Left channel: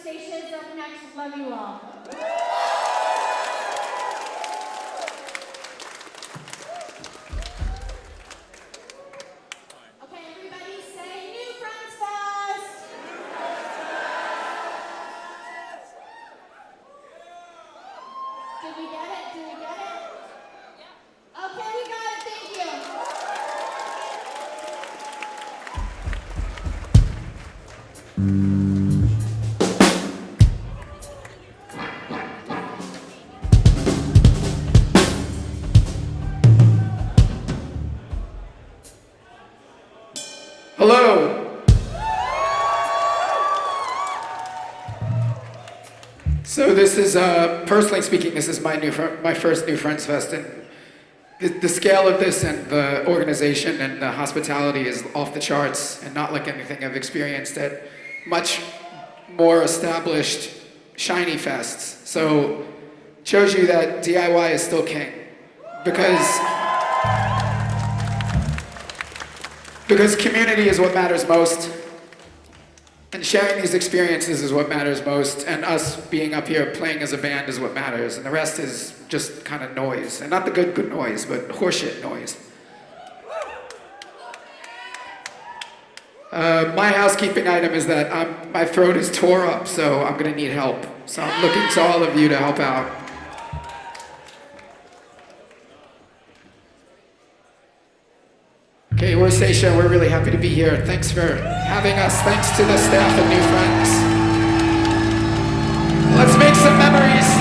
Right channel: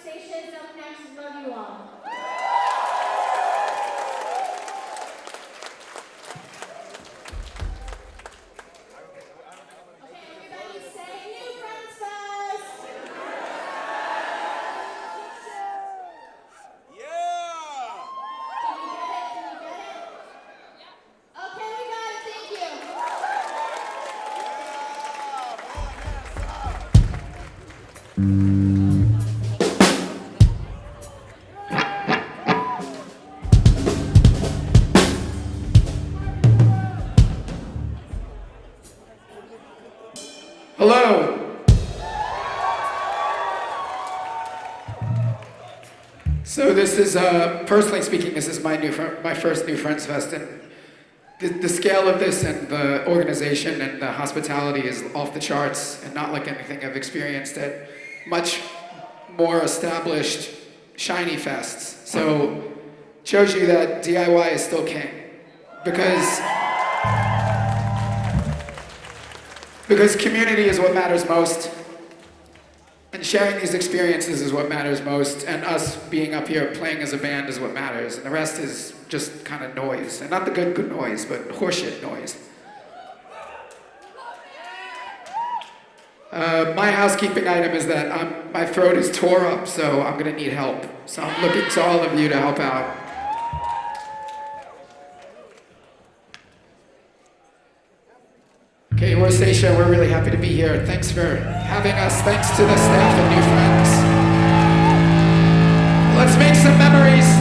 stations up next. Love you all. Okay, everybody say New Friends Fest! Yeah! Did we get it? Did we get it? Yeah. Okay, we got it. Thank you. Hello. So this is, personally speaking, this is my first New Friends Fest, and the scale of this and the organization and the hospitality is off the charts and not like anything I've experienced at much more established, shiny fests. So shows you that DIY is still king, because community is what matters most, and sharing these experiences is what matters most, and us being up here playing as a band is what matters, and the rest is just kind of noise, and not the good noise, but horseshit noise. My housekeeping item is that my throat is tore up, so I'm gonna need help. So I'm looking to all of you to help out. Okay, we're SAETIA. We're really happy to be here. Thanks for having us. Thanks to the staff and New Friends. Let's make some memories.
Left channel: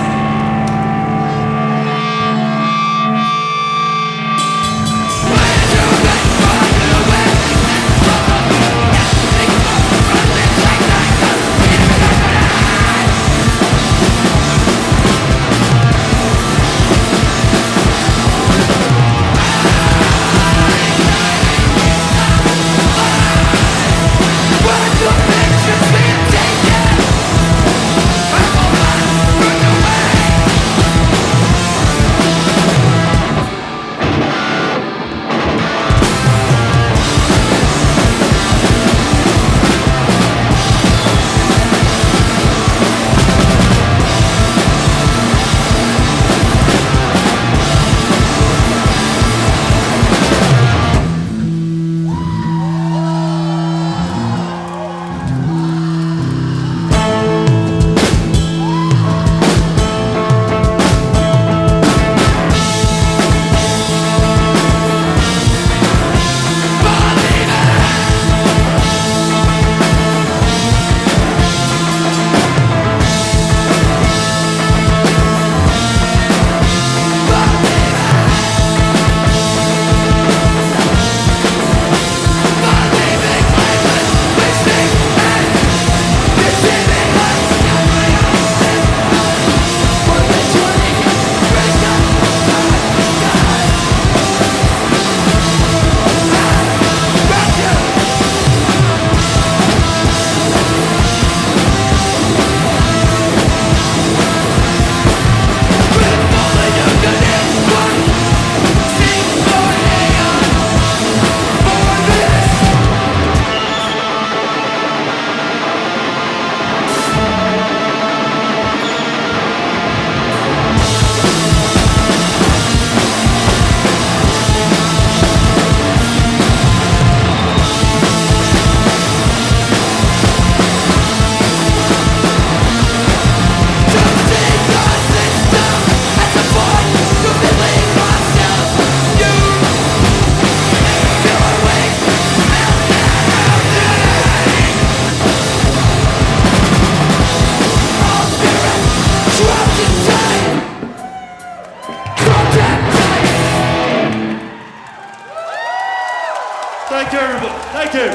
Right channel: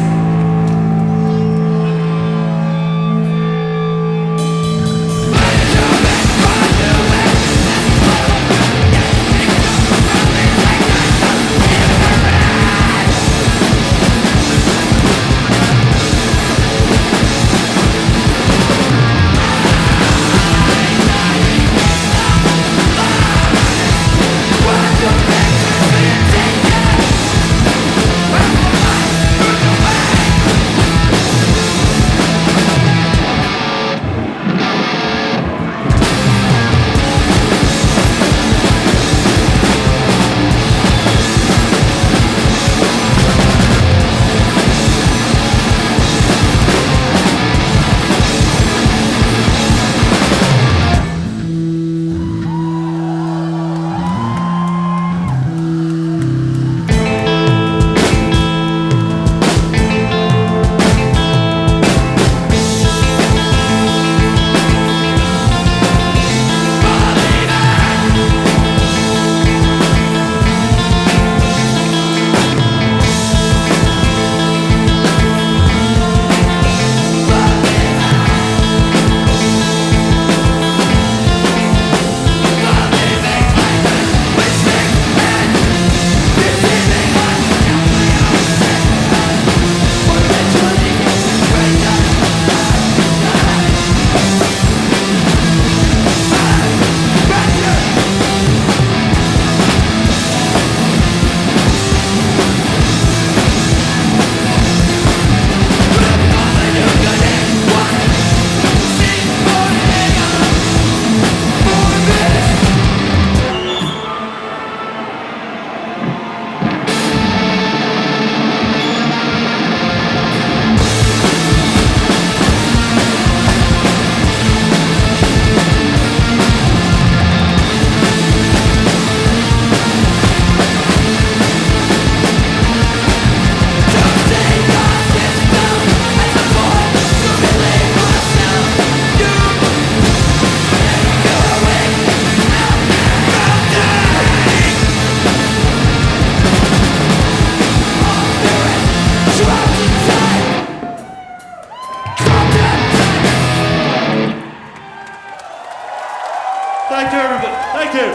Thank you, everybody. Thank you.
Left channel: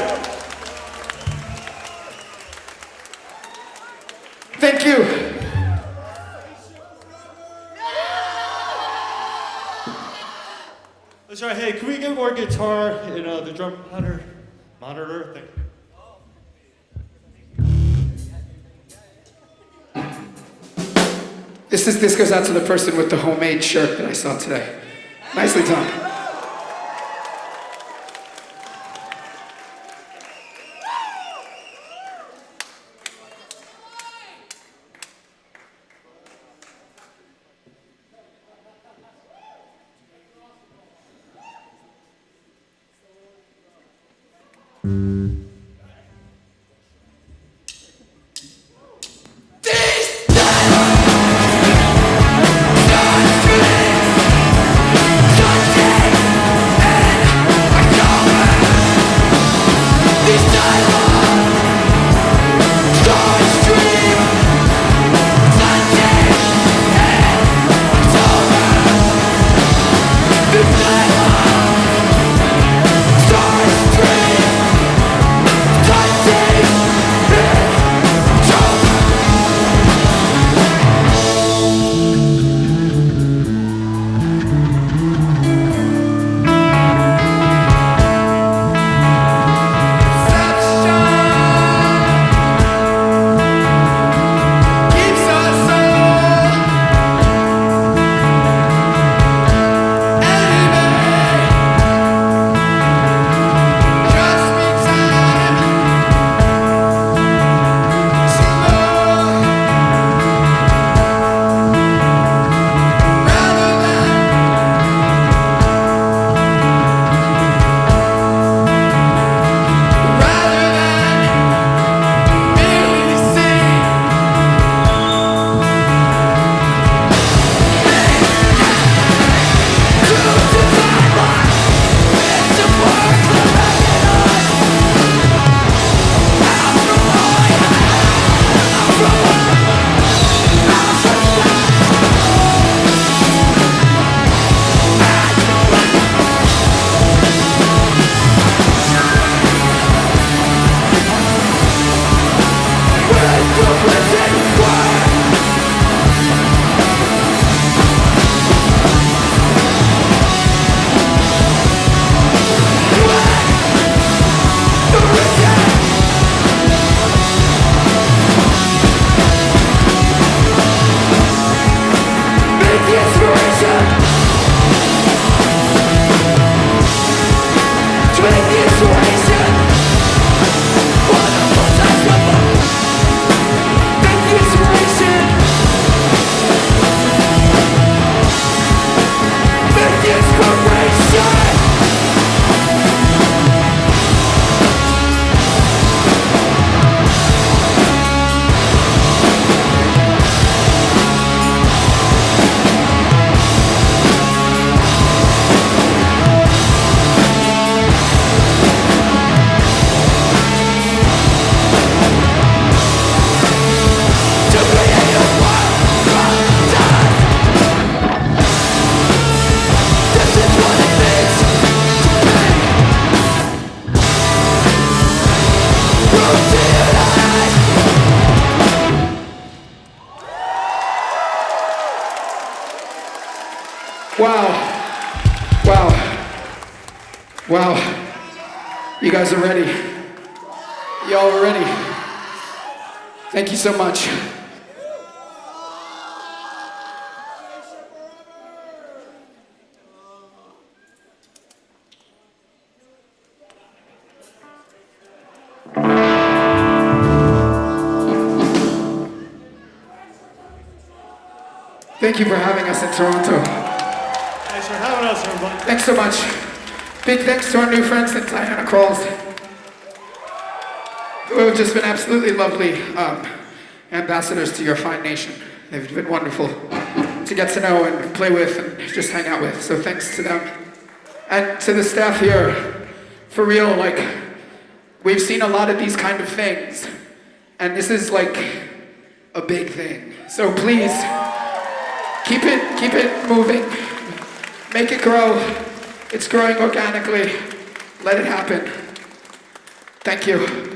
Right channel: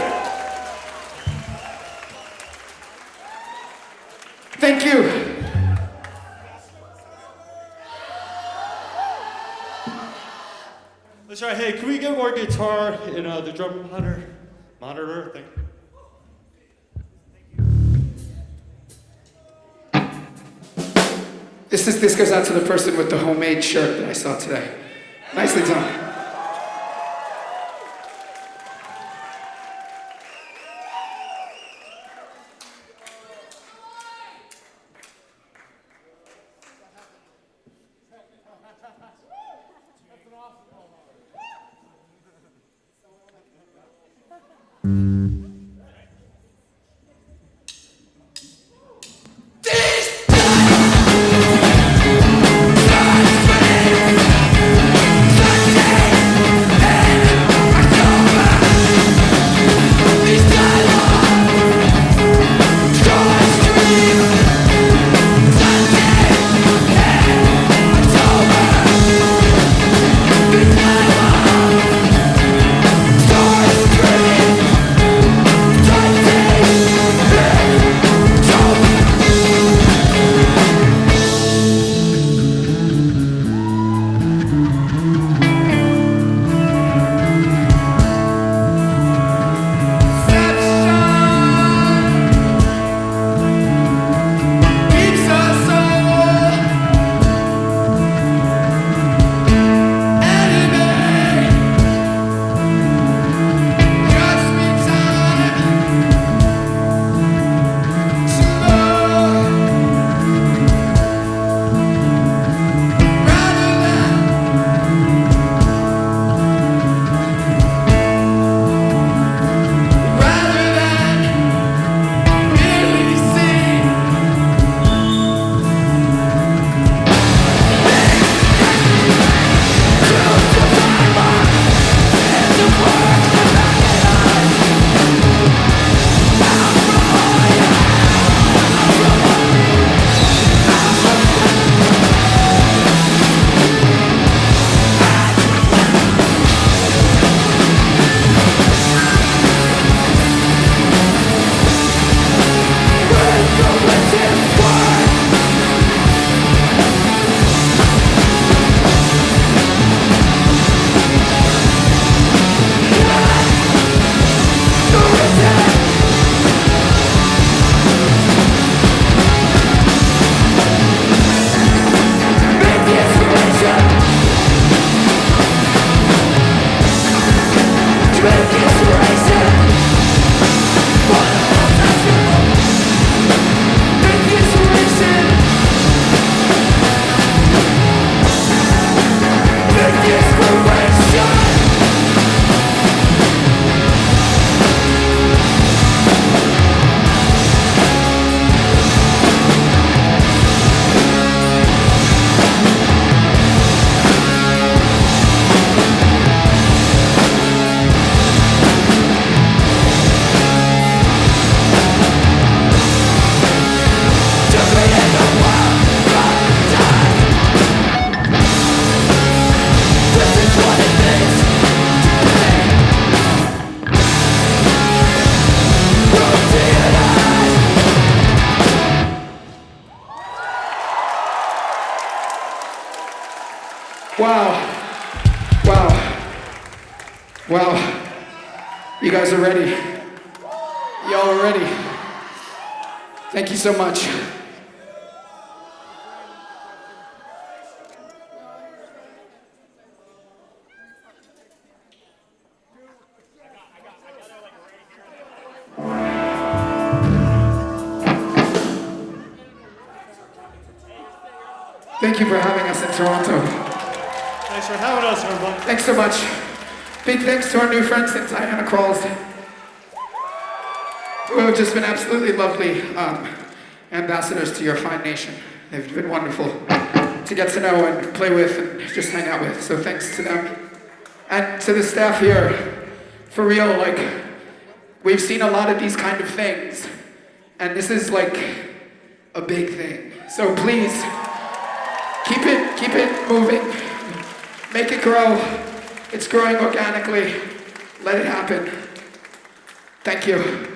Thank you. That's right. Hey, can we get more guitar in the drum monitor? Thank you. This goes out to the person with the homemade shirt that I saw today. Nicely done. Wow. Wow. Wow. You guys are ready. Y'all are ready. Thank you so much. Thank you for having us in Toronto. Thanks for having us, everybody. Thanks so much. Big thanks to our new friends in Diana Crawls, who have just been absolutely lovely ambassadors to your fine nation. They've been wonderful to get to know and play with and just hang out with. So thanks to them. And to the staff here, for real, like, we've seen a lot of these kind of things, and this is like a big thing. So please, keep it moving. Make it grow. It's growing organically. Let it happen. Thank you.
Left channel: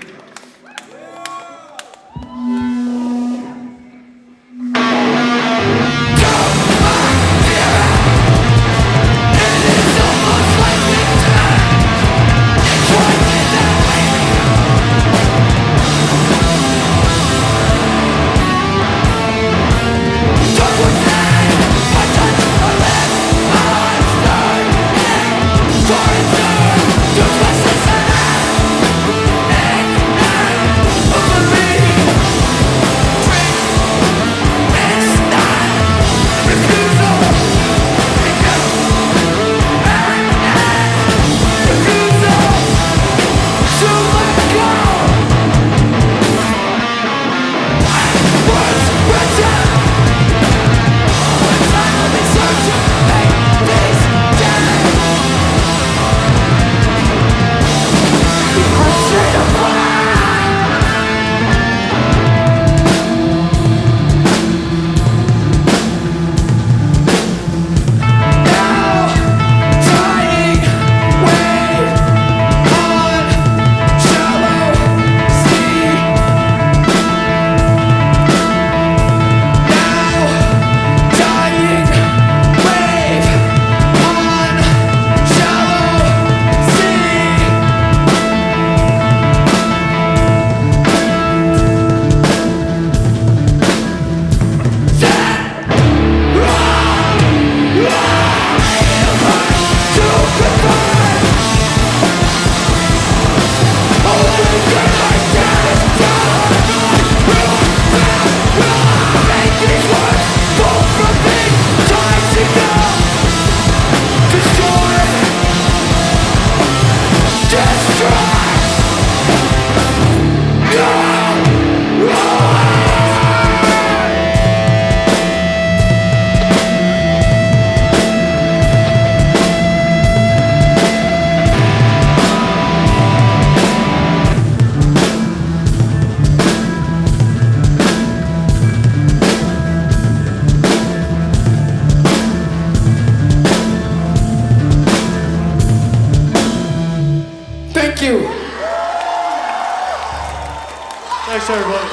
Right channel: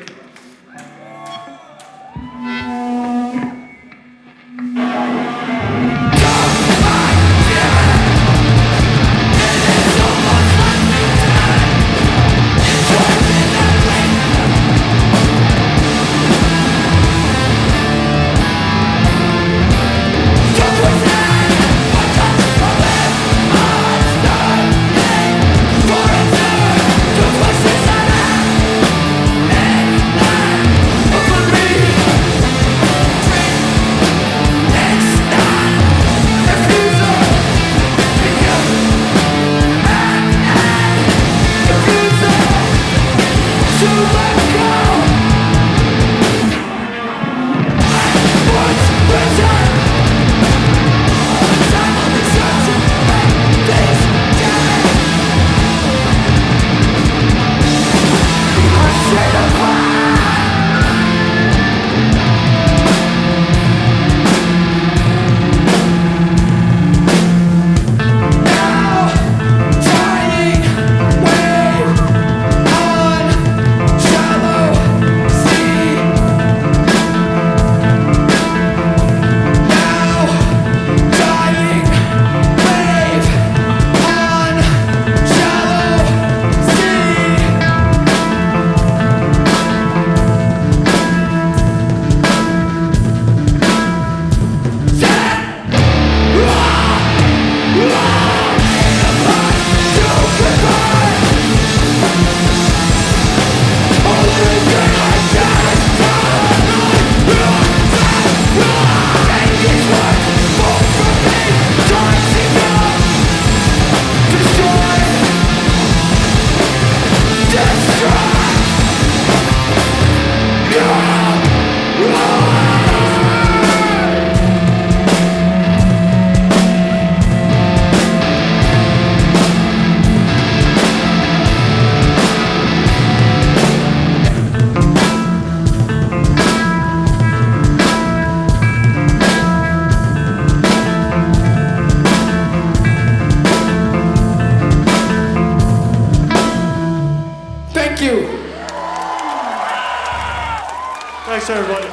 Thanks, everybody.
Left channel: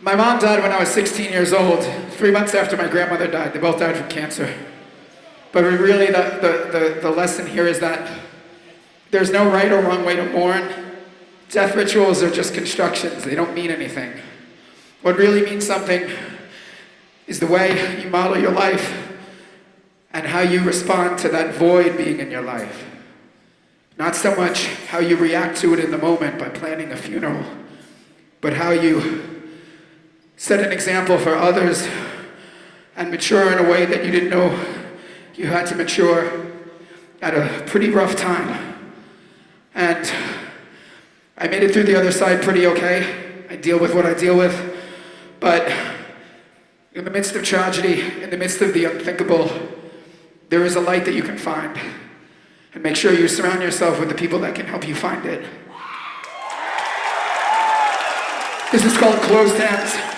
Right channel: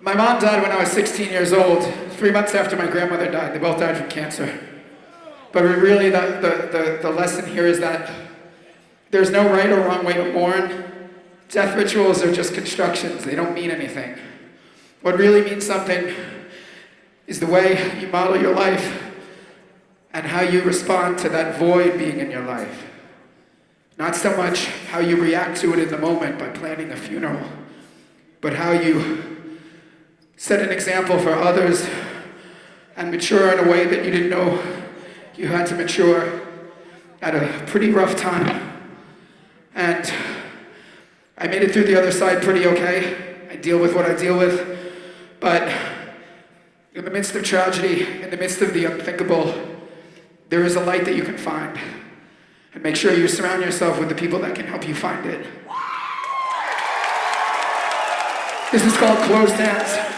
My mom died when I was 16 years old, 3 months after my grandmother died. They both died from cancer. But really, the lesson here is that there's no right or wrong way to mourn. Death rituals are just constructions. They don't mean anything. What really means something is the way you model your life and how you respond to that void being in your life. Not so much how you react to it in the moment by planning a funeral, but how you set an example for others and mature in a way that you didn't know you had to mature at a pretty rough time. And I made it through the other side pretty okay. I deal with what I deal with. But in the midst of tragedy, in the midst of the unthinkable, there is a light that you can find. And make sure you surround yourself with the people that can help you find it. This is called Closed Hands.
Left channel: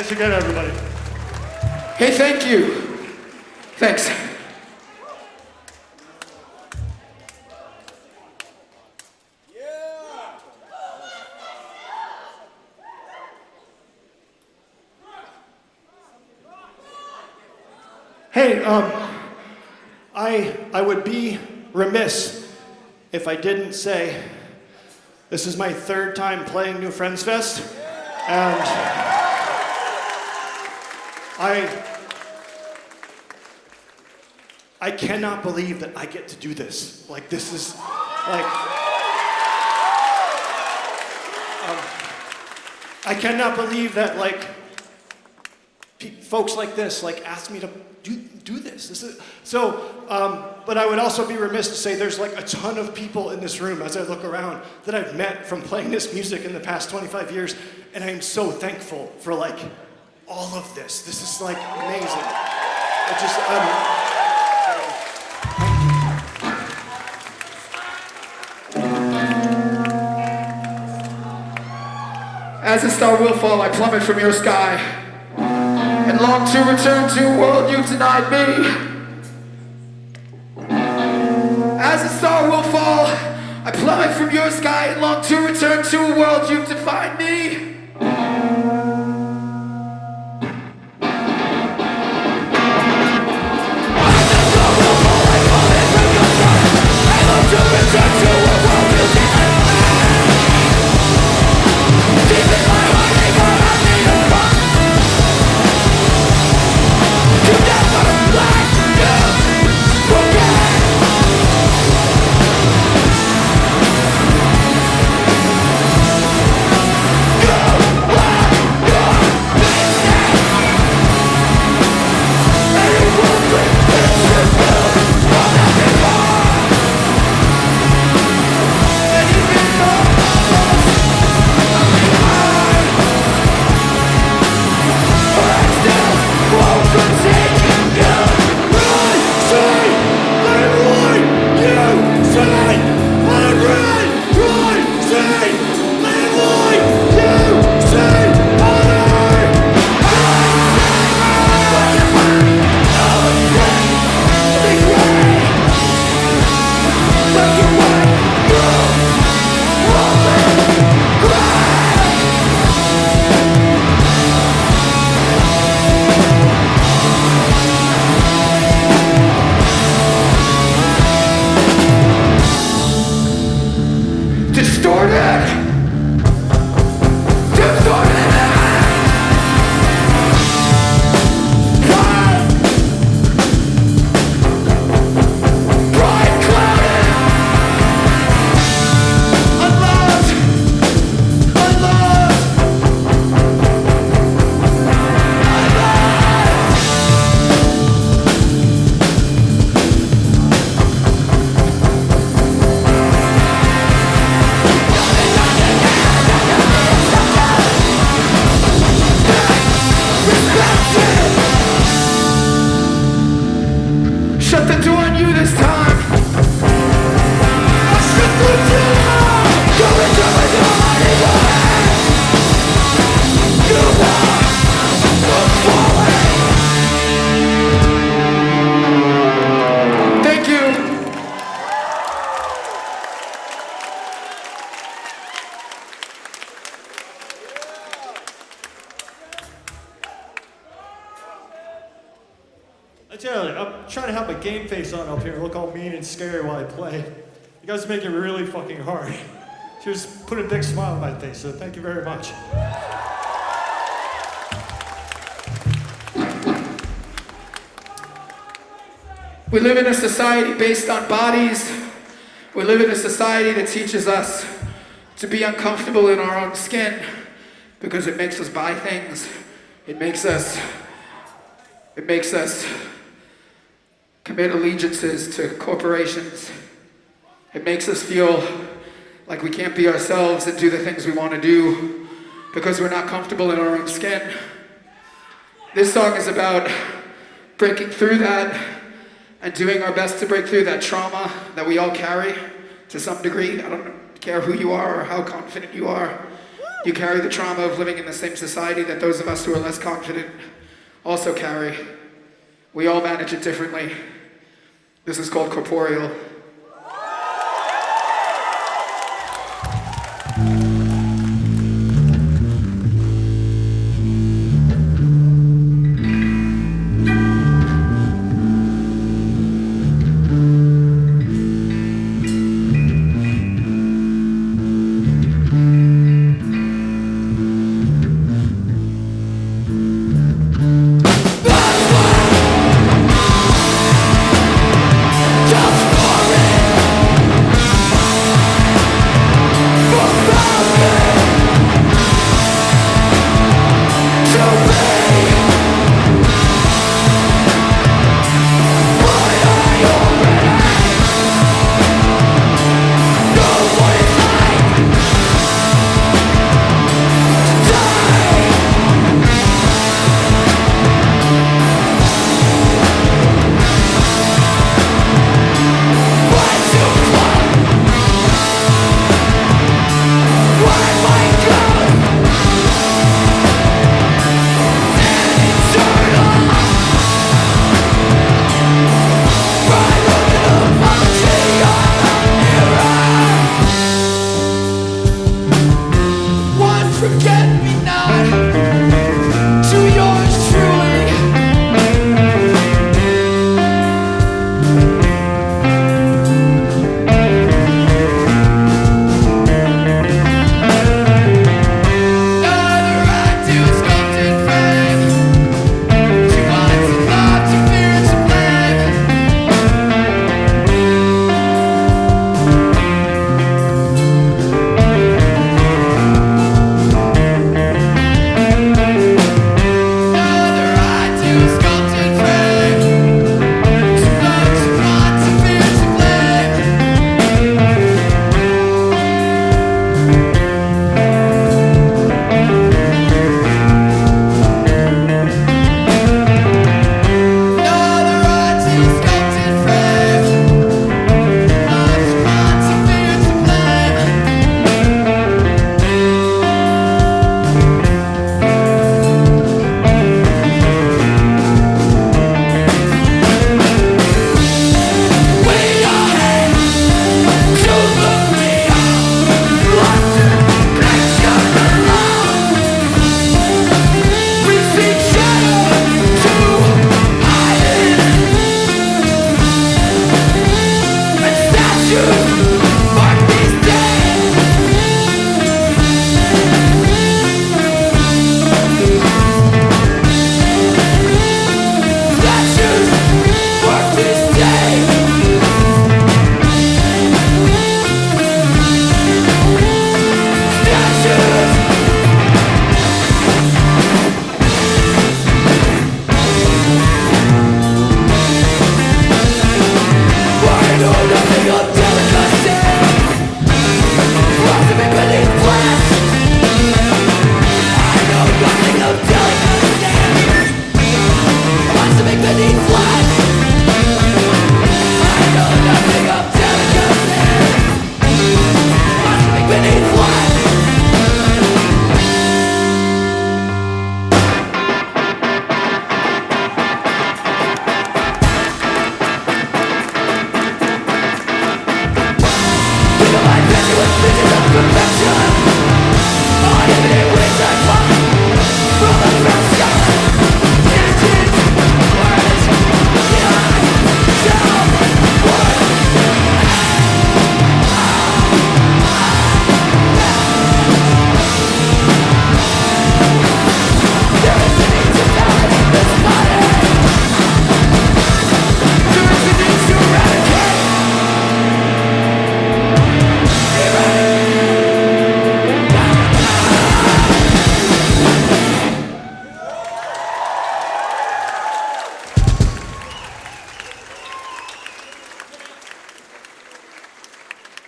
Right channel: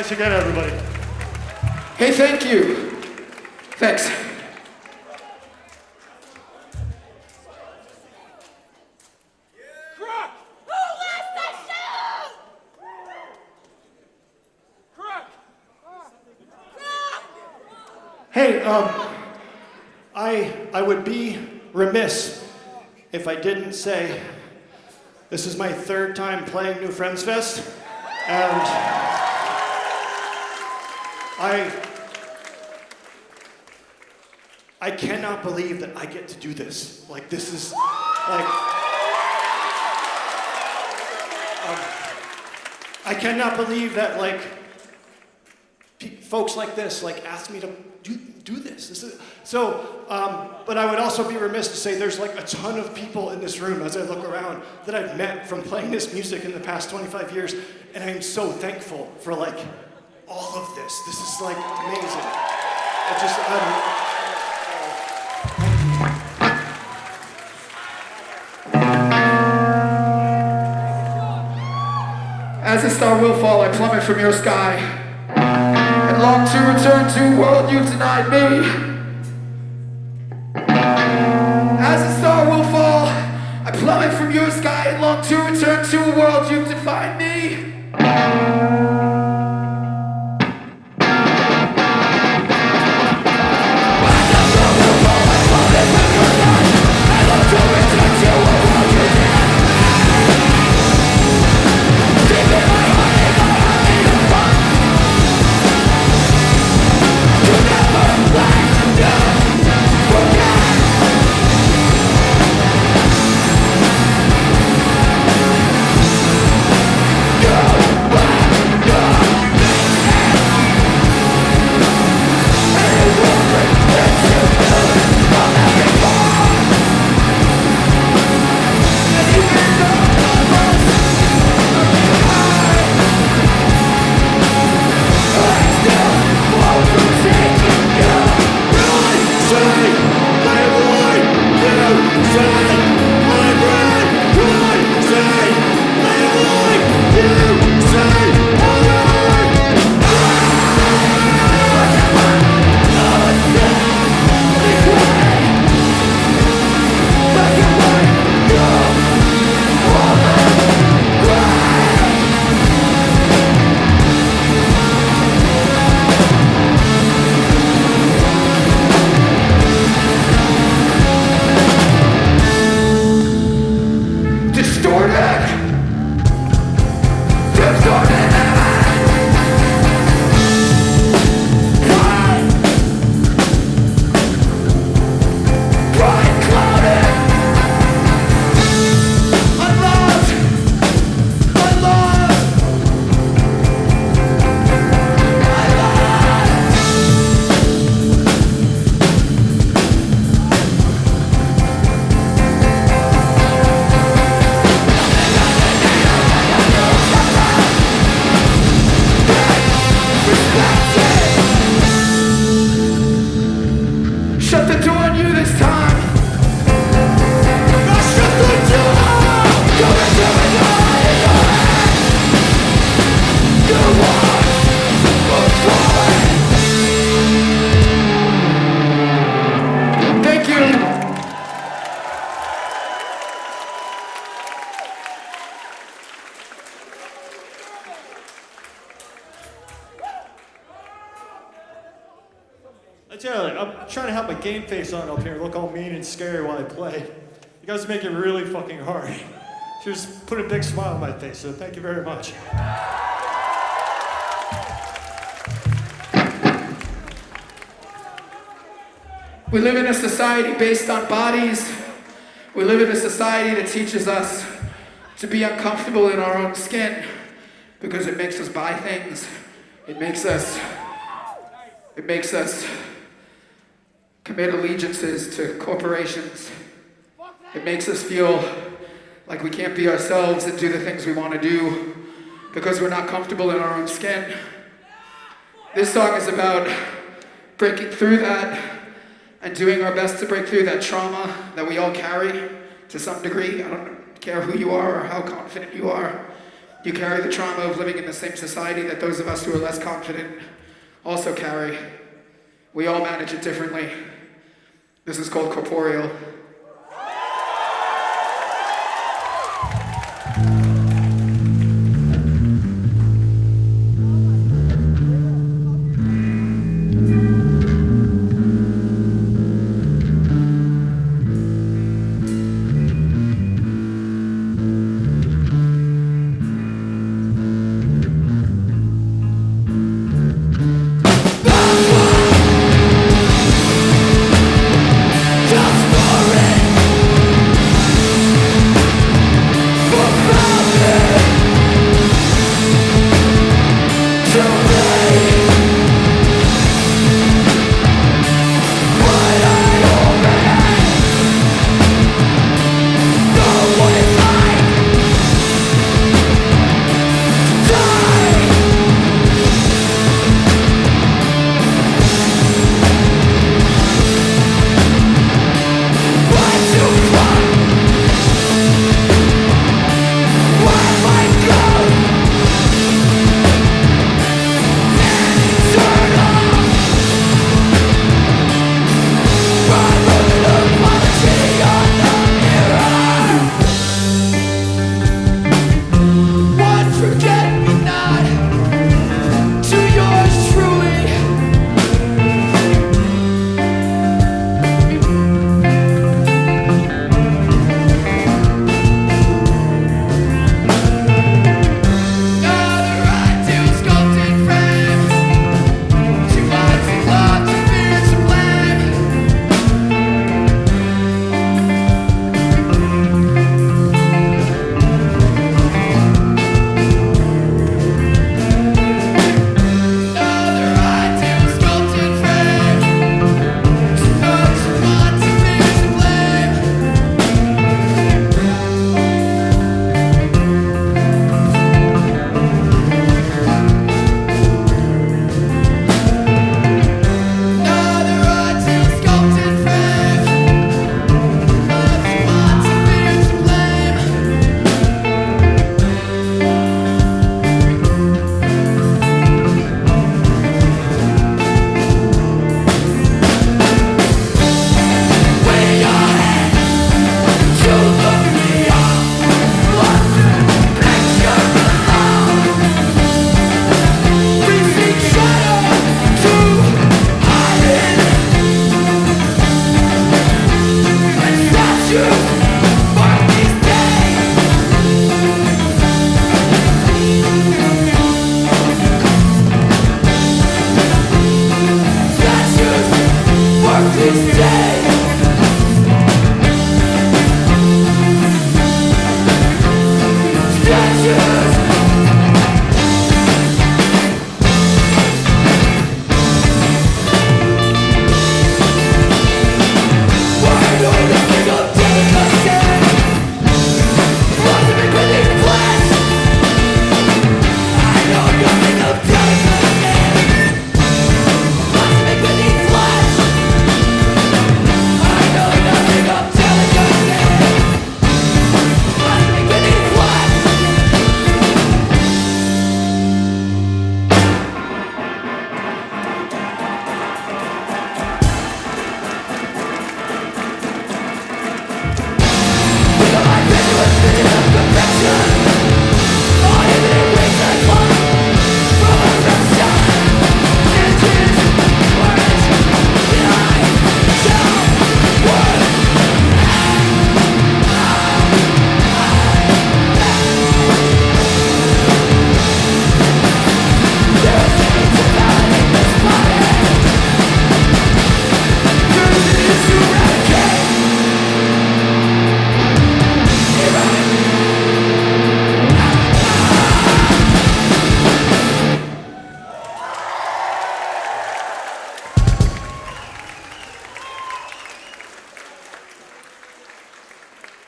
Thanks again, everybody. Hey, thank you. Thanks. Hey, I would be remiss if I didn't say this is my third time playing New Friends Fest, and I cannot believe that I get to do this. Like, this is, like, I cannot believe that, like, folks like this, like, asked me to do this. This is, so, but I would also be remiss to say there's, like, a ton of people in this room as I look around that I've met from playing this music in the past 25 years, and I am so thankful for, like, all of this. This is, like, amazing. It just, As a star will fall, I plummet from your sky, and long to return to a world you've denied me. As a star will fall, I plummet from your sky, and long to return to a world you've defined me. As a star will fall, I plummet from your sky, and long to return to a world you denied me. Deep in my heart, they got hurt me to fall. To never let you forget. You are your mistake, and it will bring into you from every part. And even though almost I still won't forsake you. Right, say, I'm right, you say, I'm right, say, I'm right, you say, I'm right. Like a bird, oh, it's dead, the gray. Like you're right, you won't live gray. Distorted, distorted, pride, pride clouded, unloved, unloved, unloved. Shut the door on you this time. I'll shut the door. Go into with your heart in your hand. You are falling. Thank you. I tell you, I'm trying to have my game face on up here, look all mean and scary while I play. You guys make it really fucking hard. Just put a big smile on my face, so thank you very much. We live in a society based on bodies. We live in a society that teaches us to be uncomfortable in our own skin because it makes us buy things. It makes us commit allegiances to corporations. It makes us feel like we can't be ourselves and do the things we want to do because we're not comfortable in our own skin. This song is about breaking through that and doing our best to break through that trauma that we all carry to some degree. I don't care who you are or how confident you are. You carry the trauma of living in the same society that those of us who are less confident also carry. We all manage it differently. This is called Corporeal.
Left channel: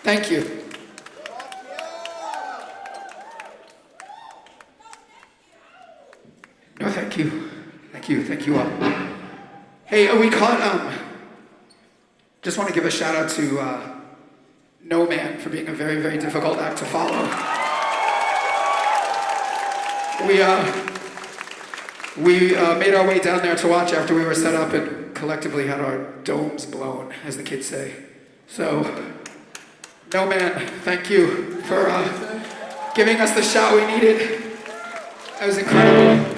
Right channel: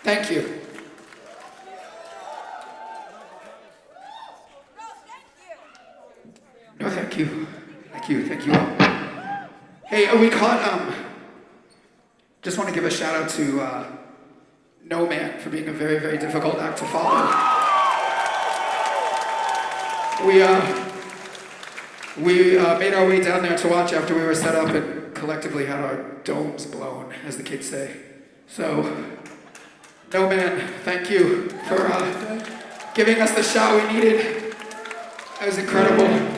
Thank you. No, thank you. Thank you all. Hey, we caught, just want to give a shout out to No Man for being a very, very difficult act to follow. We made our way down there to watch after we were set up and collectively had our domes blown, as the kids say. So, No Man, thank you for giving us the shot we needed. That was incredible.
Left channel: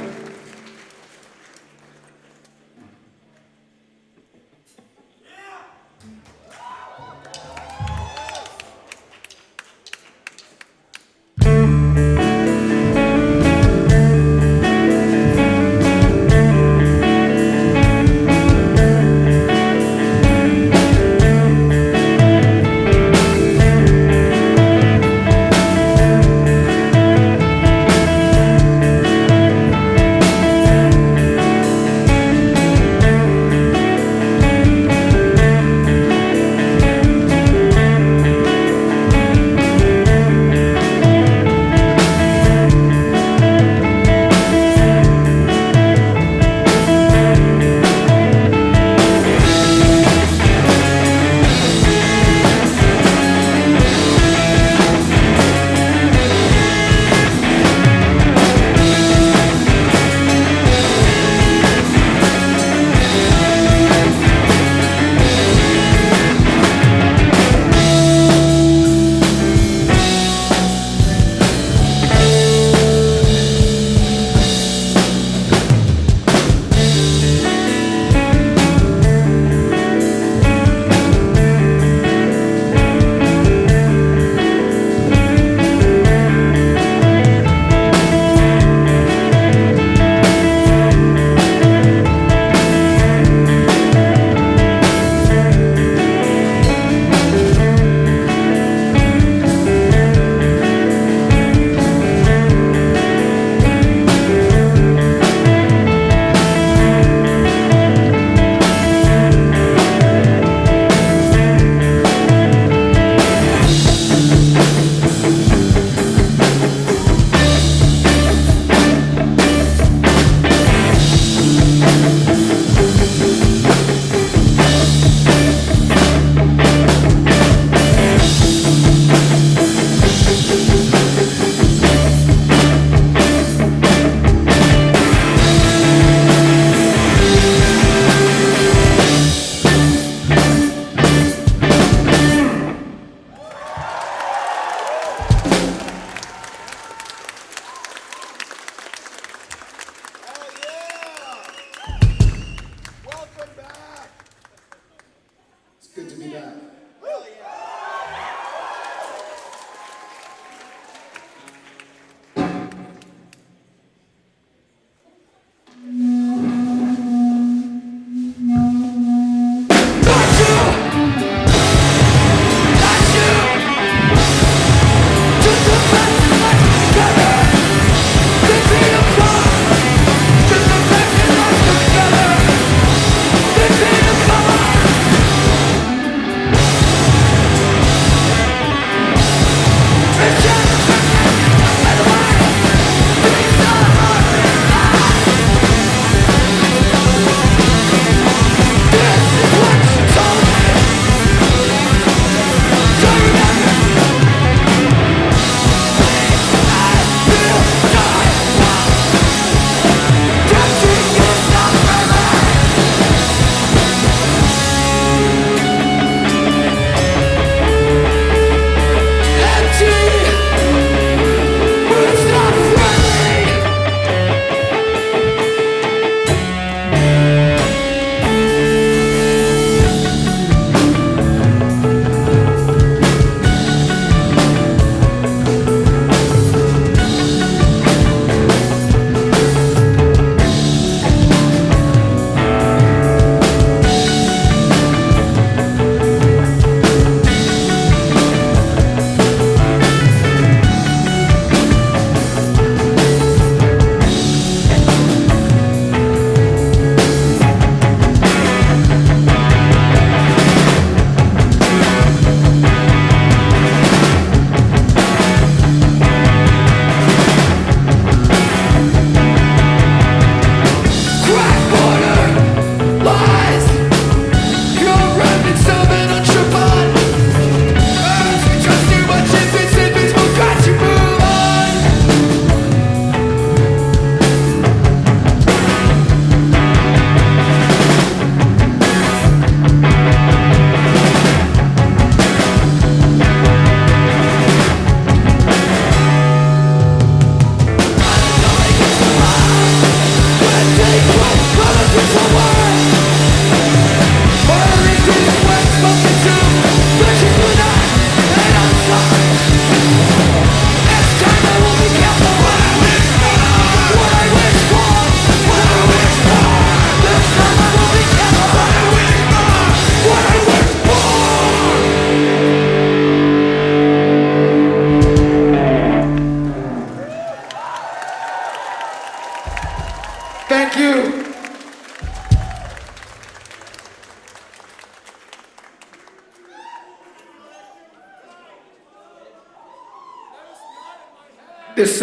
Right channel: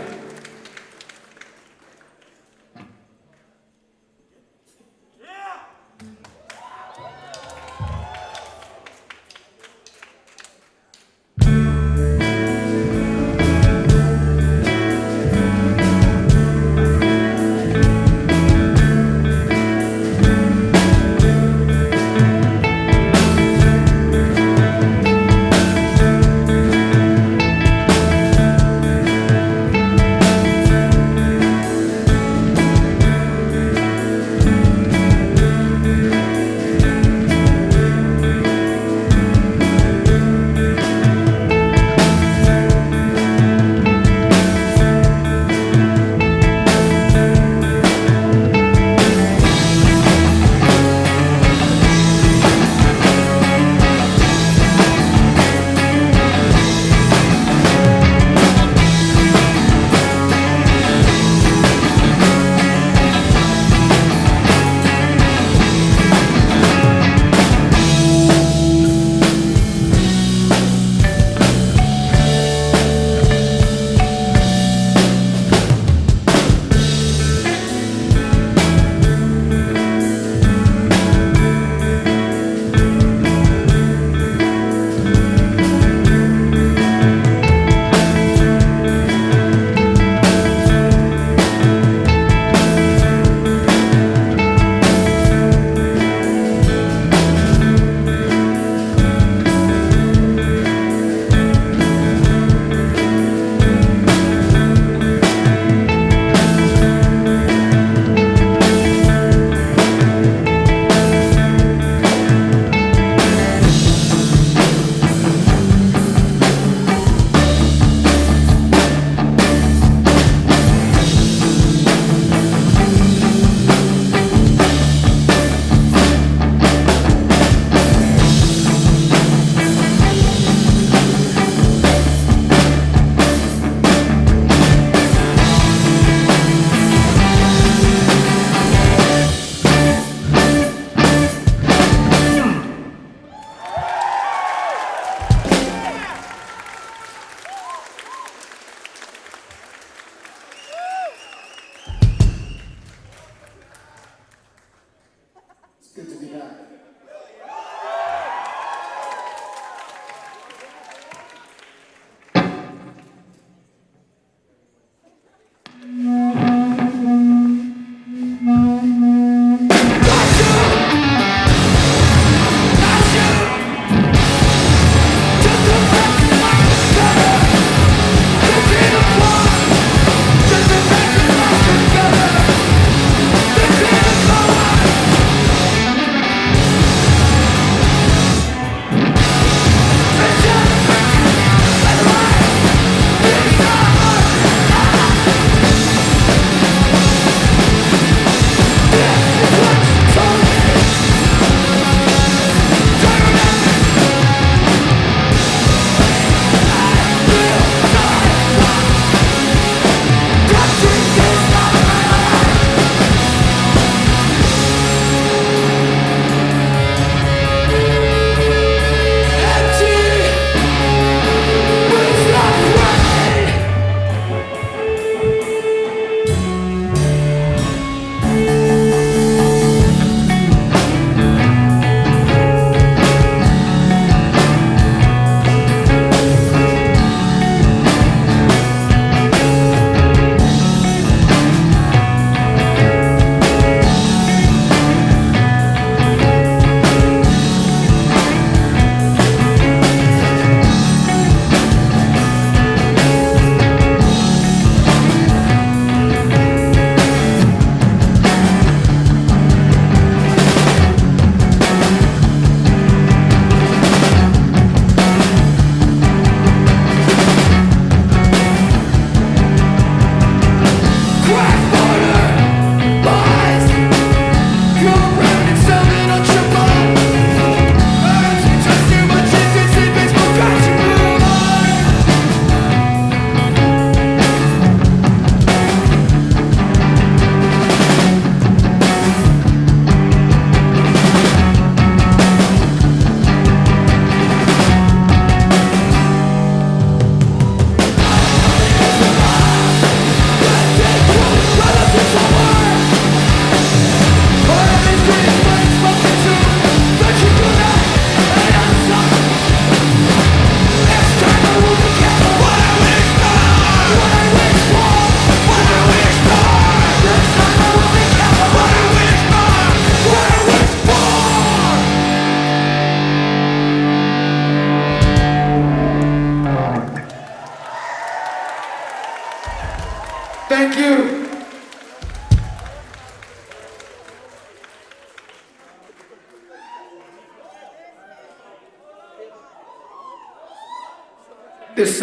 This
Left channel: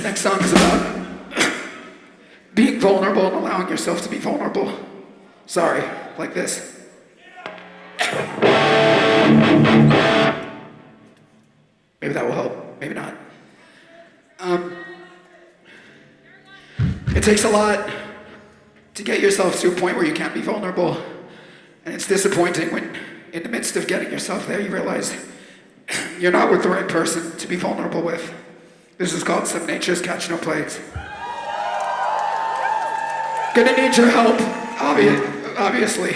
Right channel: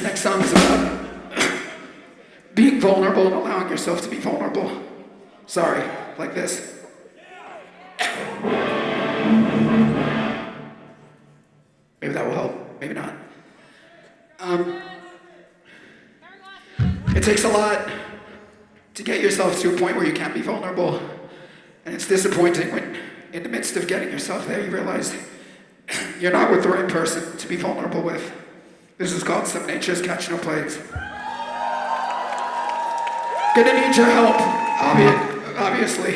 next song is about being vulnerable and allowing yourself to be vulnerable. Sorry, like this. Maybe that will help, maybe not. It takes a lot to get yourself to a point where you can't be vulnerable. And it's disappointing when, in the midst of getting yourself there, you realize you're not with the right person to be vulnerable with. This is called Some Nature's Catch No Plagues. Gonna need your help, obviously.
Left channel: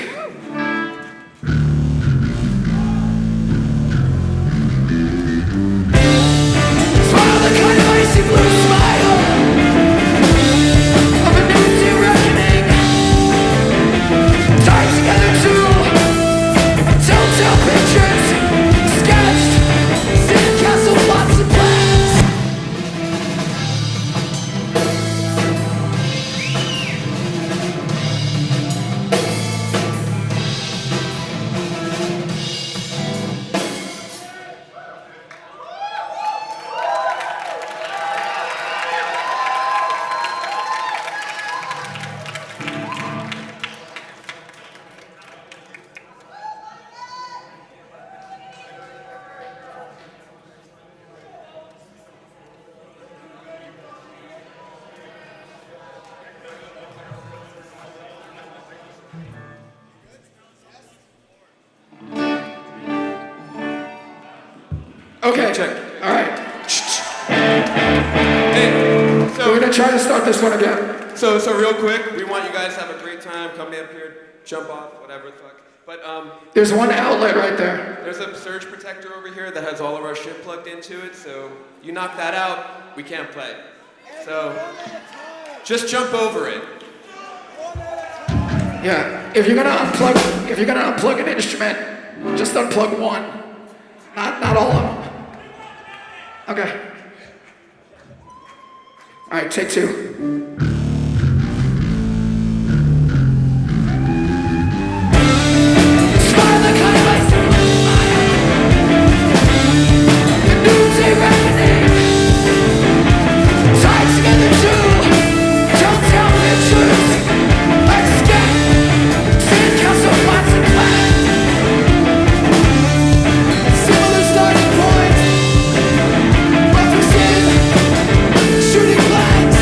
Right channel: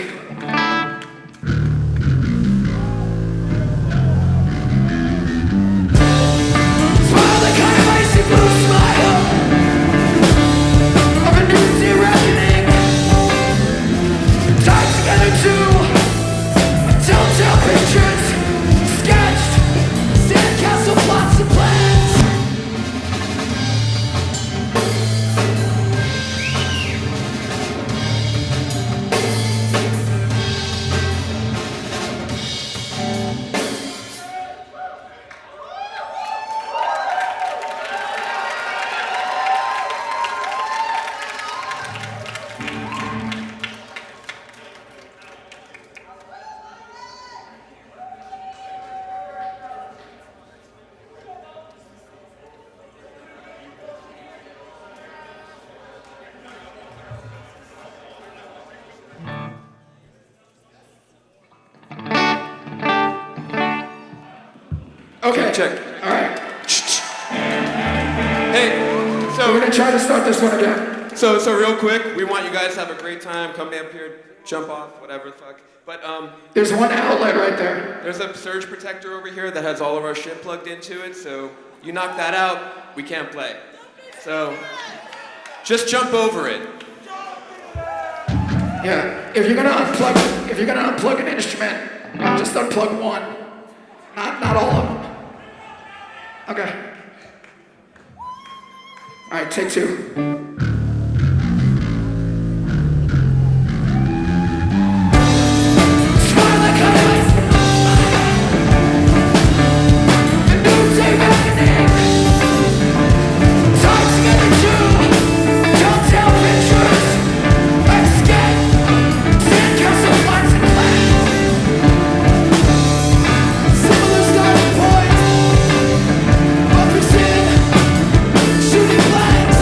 Smile, the kind of icy blue smile of a new day reckoning, tied together too, telltale pictures sketched, sandcastle plots and plans. Okay. Check. All right. Hey, so We're gonna try to start this one again. so real quick, we want you guys to have a great time. Come up here, jump off, whatever the fuck. But There's one outlet right there. there's a surge protector over here that has all of our shit plugged into it. So you knock that out, we can't play. So just jump over it. Yeah. If you're gonna unplug an instrument, just unplug one. Not all of them. Okay. All right, take two. Smile the kind of ice smile. The noonday reckoning. Tied together too. Telltale pictures. Like skin. Sandcastle plots and plans. Similar starting points. Weapons in. Shooting blanks.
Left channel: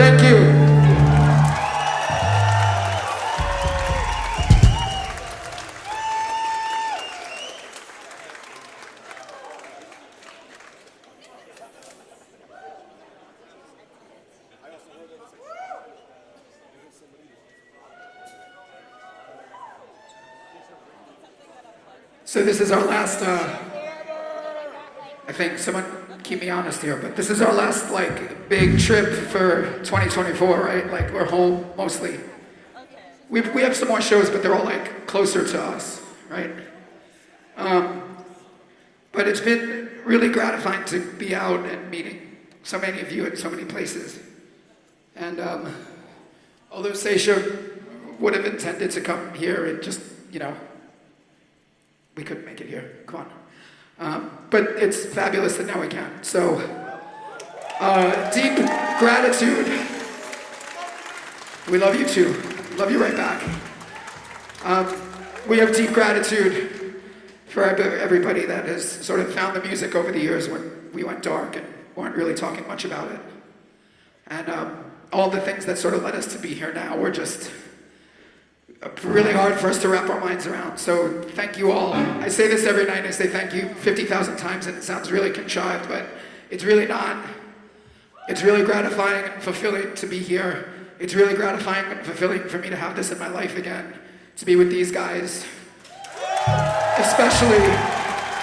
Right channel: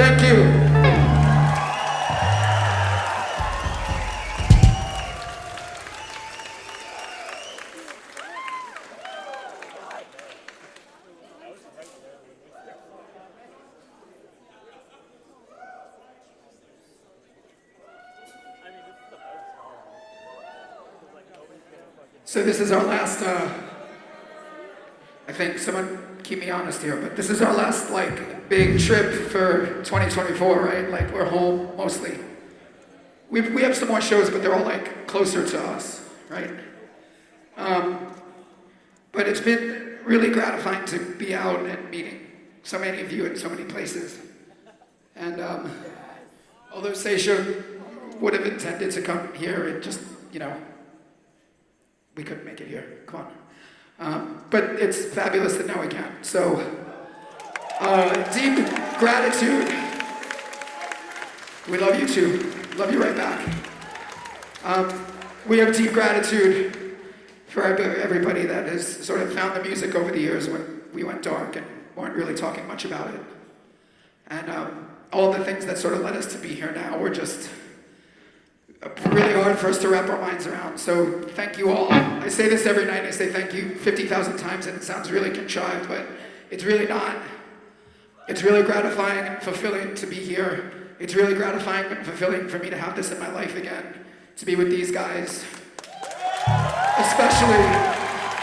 Thank you. So this is our last, I think someone keep me honest here, but this is our last like big trip for 2024, right? Like we're home mostly. We have some more shows, but they're all like closer to us, right? But it's been really gratifying to be out and meeting so many of you in so many places. And although SAETIA would have intended to come here, it just, we couldn't make it here. Come on. But it's fabulous that now we can. So, deep gratitude. We love you too. Love you right back. We have deep gratitude for everybody that has sort of found the music over the years when we went dark and weren't really talking much about it. And all the things that sort of led us to be here now were just really hard for us to wrap our minds around. So thank you all. I say this every night, I say thank you 50,000 times, and it sounds really contrived, but it's really not. It's really gratifying and fulfilling to be here. It's really gratifying and fulfilling for me to have this in my life again, to be with these guys. Especially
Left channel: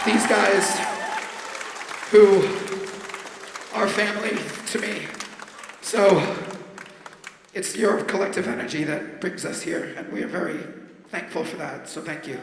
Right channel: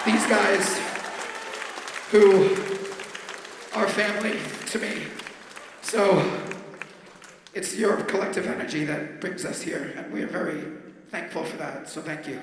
these guys who are family to me. So it's your collective energy that brings us here, and we are very thankful for that, so thank you.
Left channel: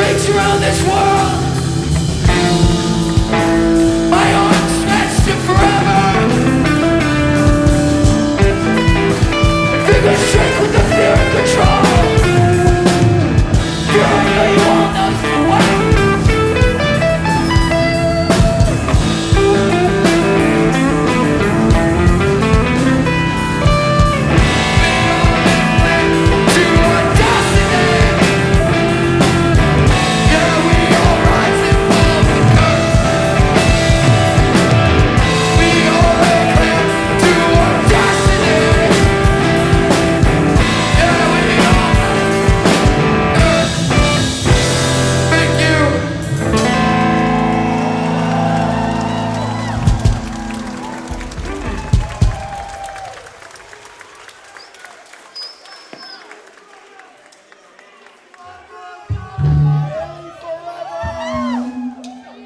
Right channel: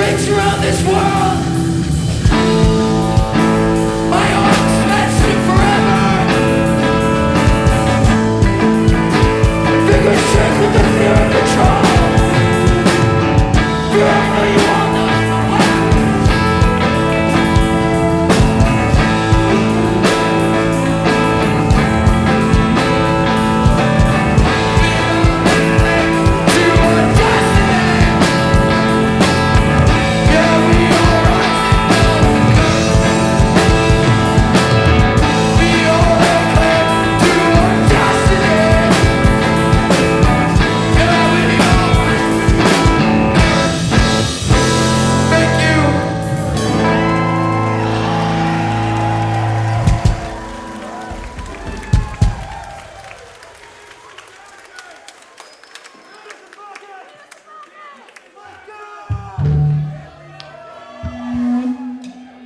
reach around this world. My arms stretched to forever. My fingers shake with the fear and control. Fear I know you all know so well. We only cling to our destiny. Yeah, we all rise and fall with curse. We only cling to our destiny. Yeah, we all rise and curse. Thank you.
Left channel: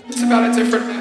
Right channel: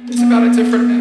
It's about a different myth.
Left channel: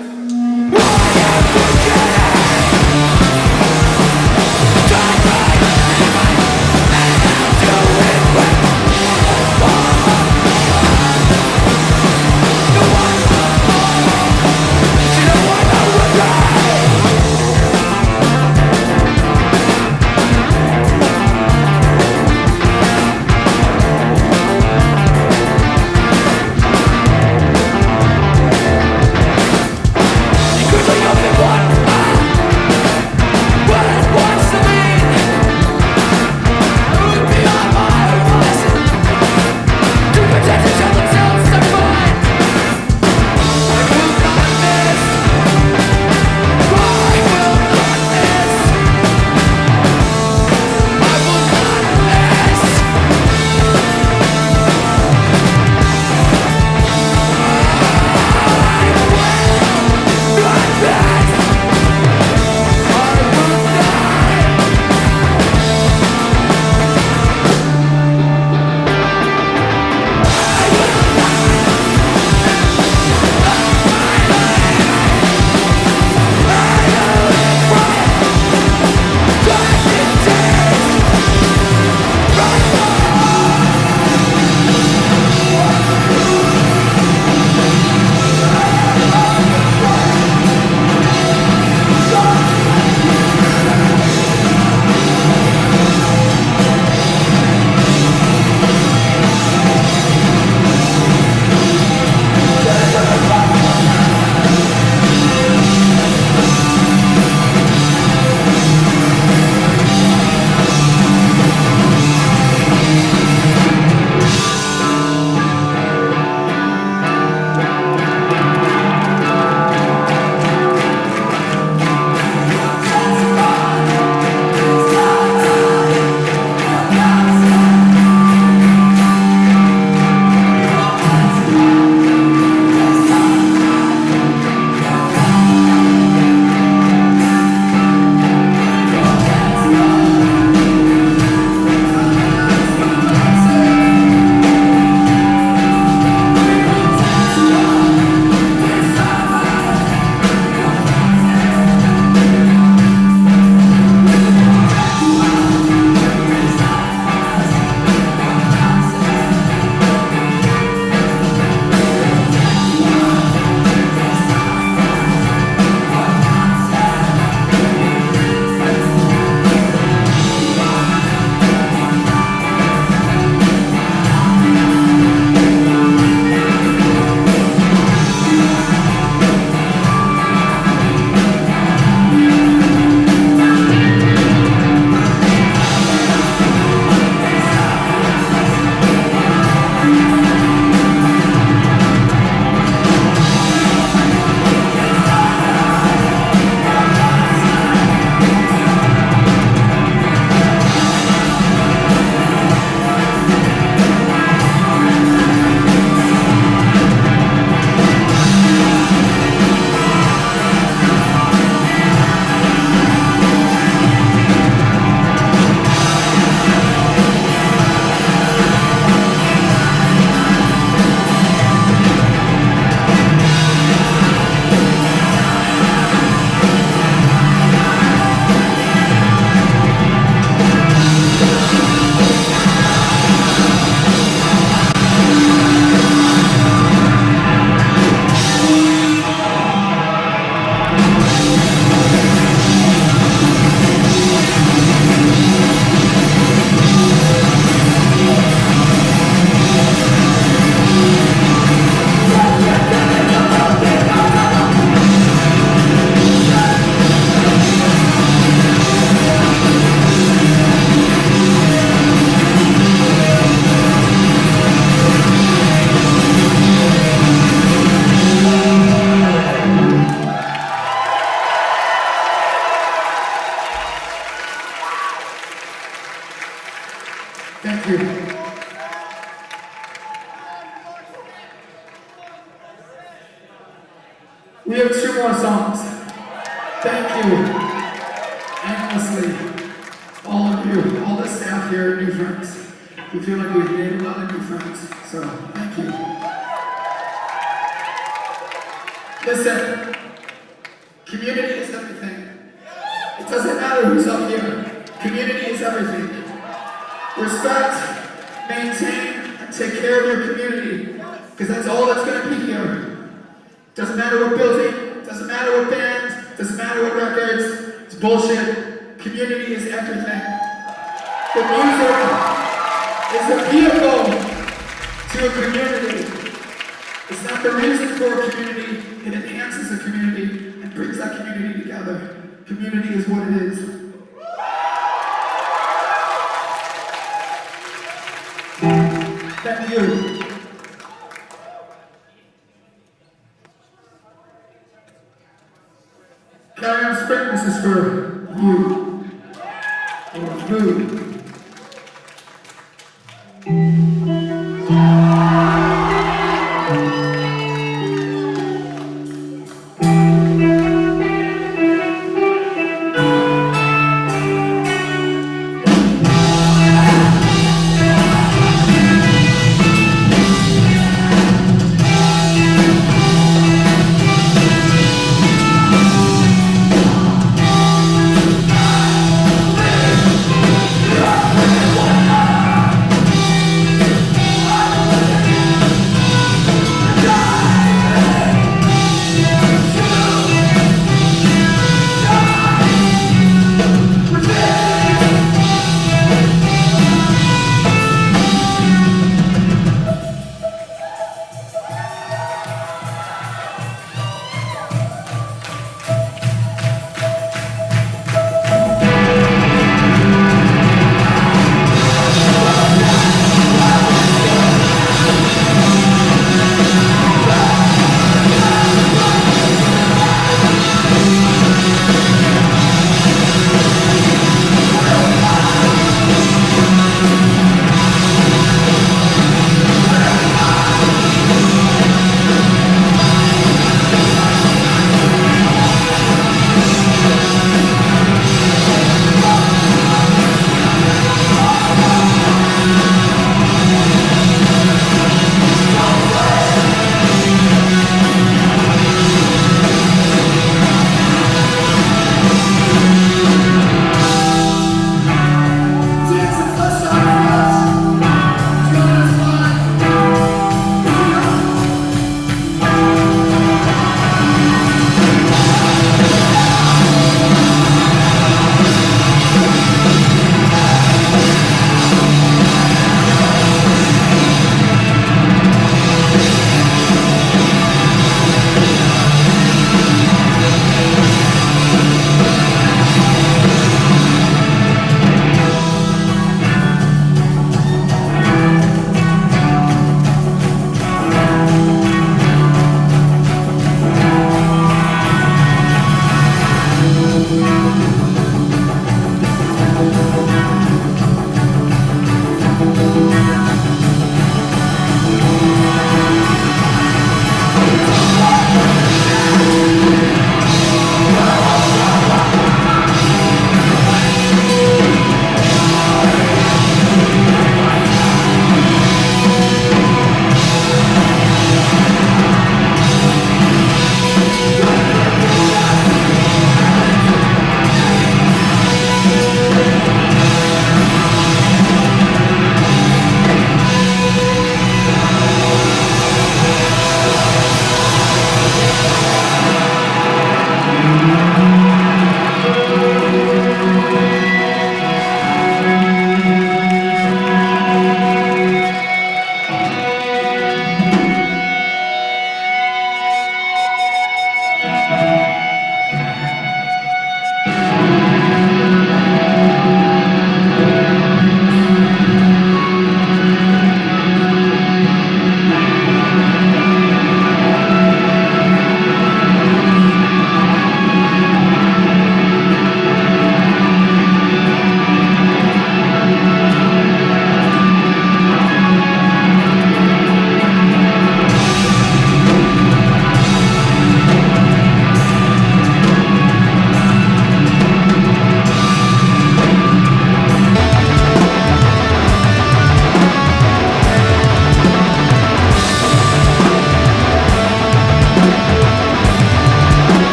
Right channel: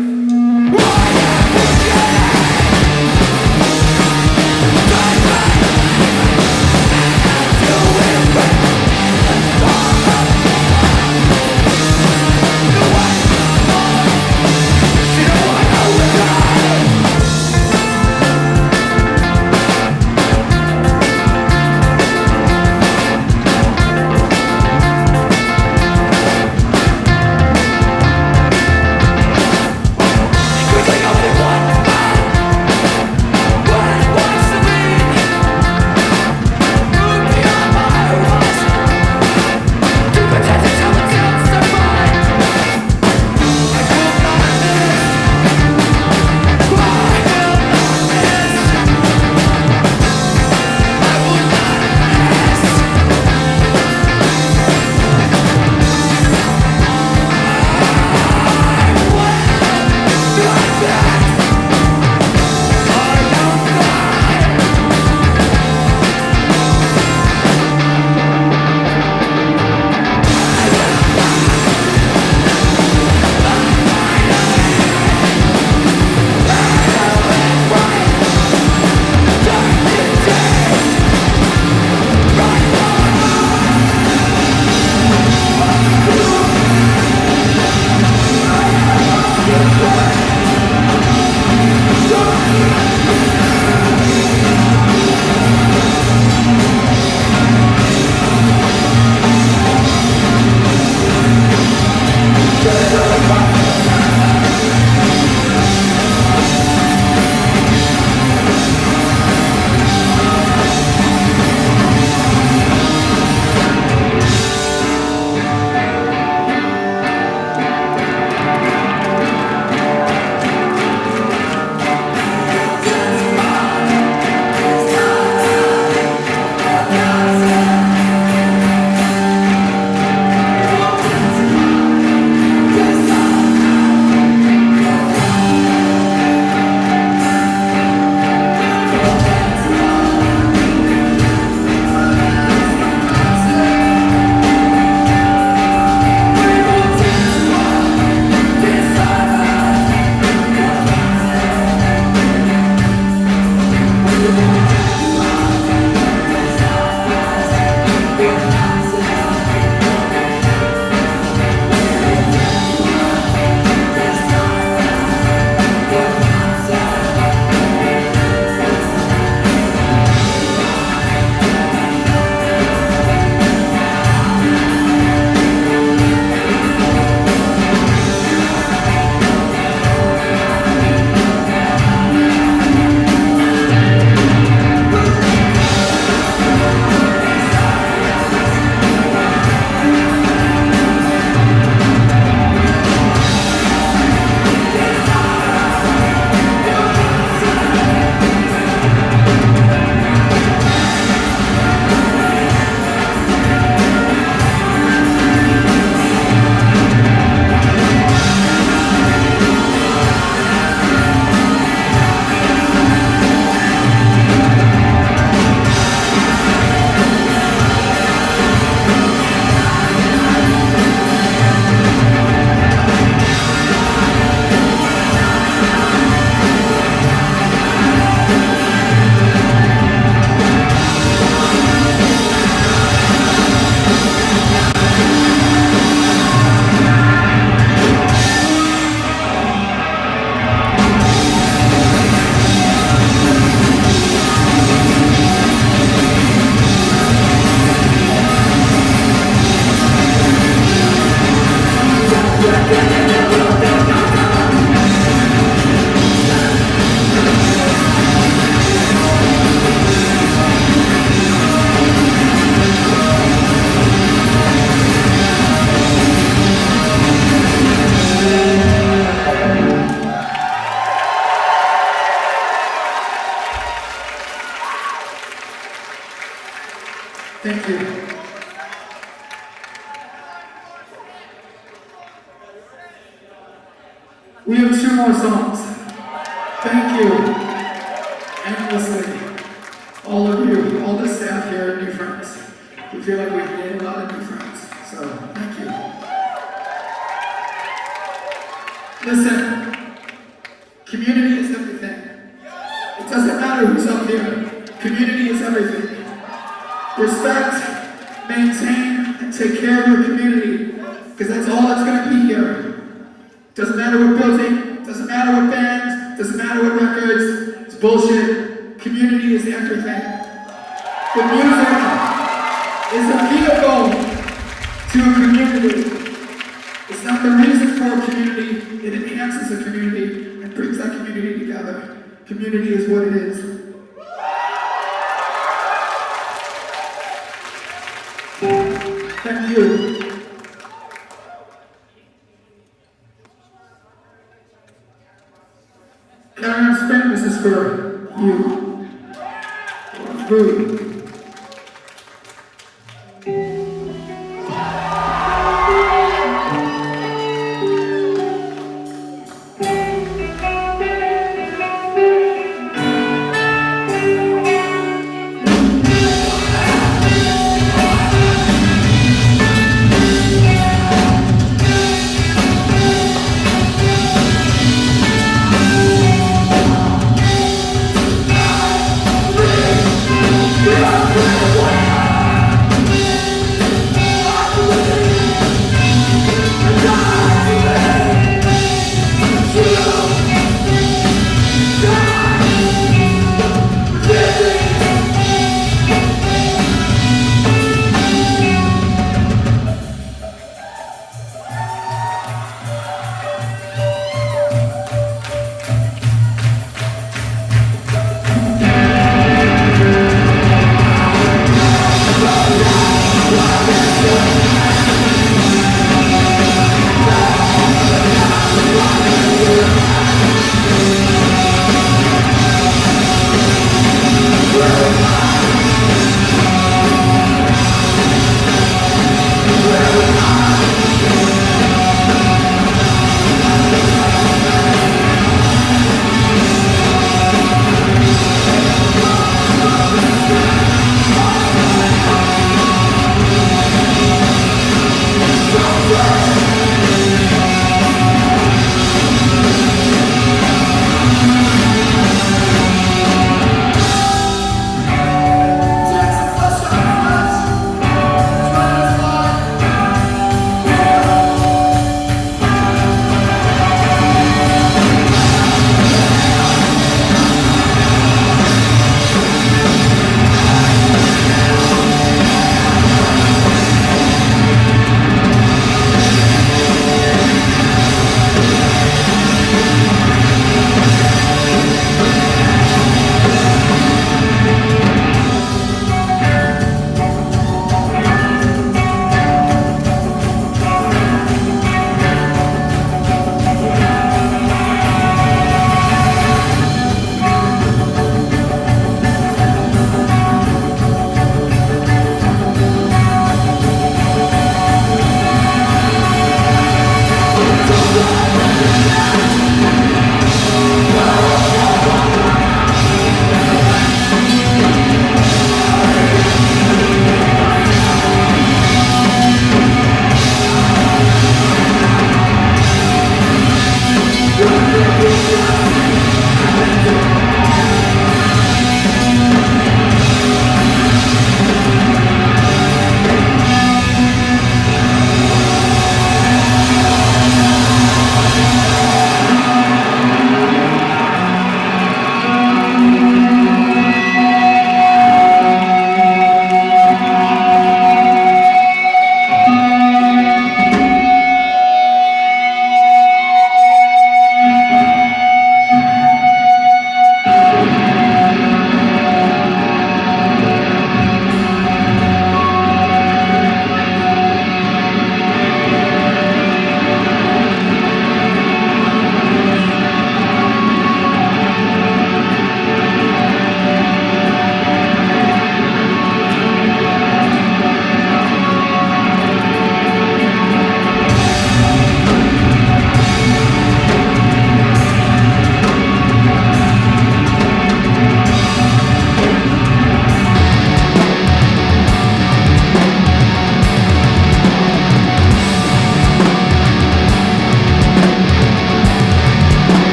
We have 2 more songs. Thank you, endlessly, all of you, all the staff here at New Friends. We feel like we've made a lot of new friends, so thank you. Listen, community is everything. It doesn't matter who's up here. Community is everything. Respect, maintain, and take care of your community, because that's all that's going to be here. Doesn't matter what building, doesn't matter what band, doesn't matter what records, it's bullshit. Community is everything. The music is a vehicle to a community. It's not the reason for a community, it enhances a community and brings that community together. Community is what it is. Thank you. Carry on Spring, this is for you. Or food. Yeah.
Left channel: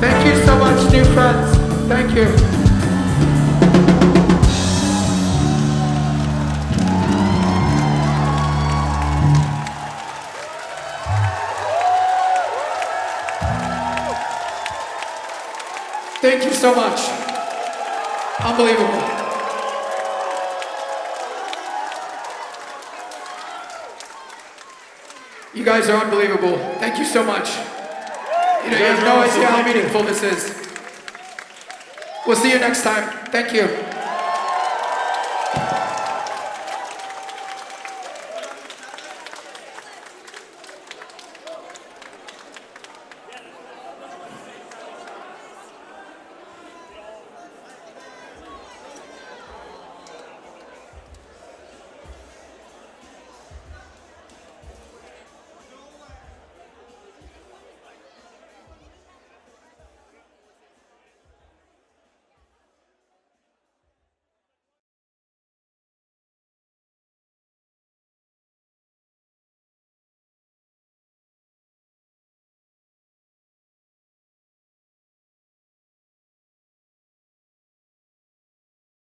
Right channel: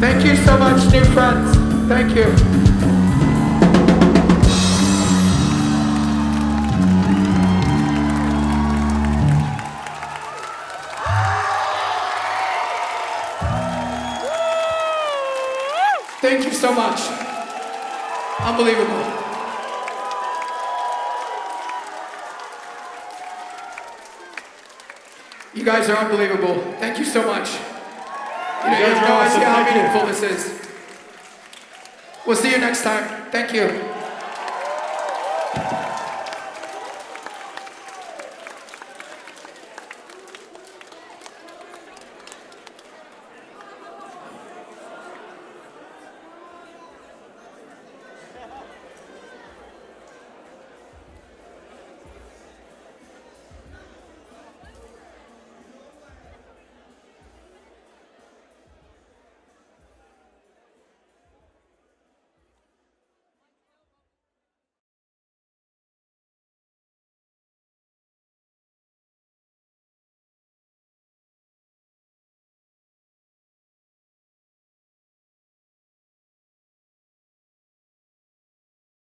Thank you so much, new friends. Thank you. Thank you so much. Unbelievable. You guys are unbelievable. Thank you so much. You have no idea how meaningful this is. We'll see you next time. Thank you.